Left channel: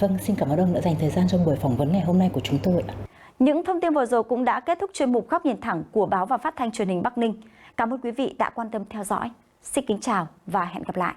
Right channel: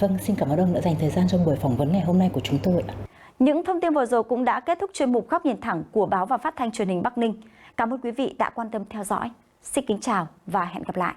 Vâng, xin cảm ơn ông đã dành thời gian trong buổi phỏng vấn ngày hôm nay của chúng tôi ạ. Những thông tin vừa rồi cũng đã kết thúc chuyên mục Góc nhìn thẳng của Báo và Phát thanh Truyền hình Bắc Ninh. Cảm ơn quý vị đã quan tâm theo dõi. Xin kính chào và hẹn gặp lại.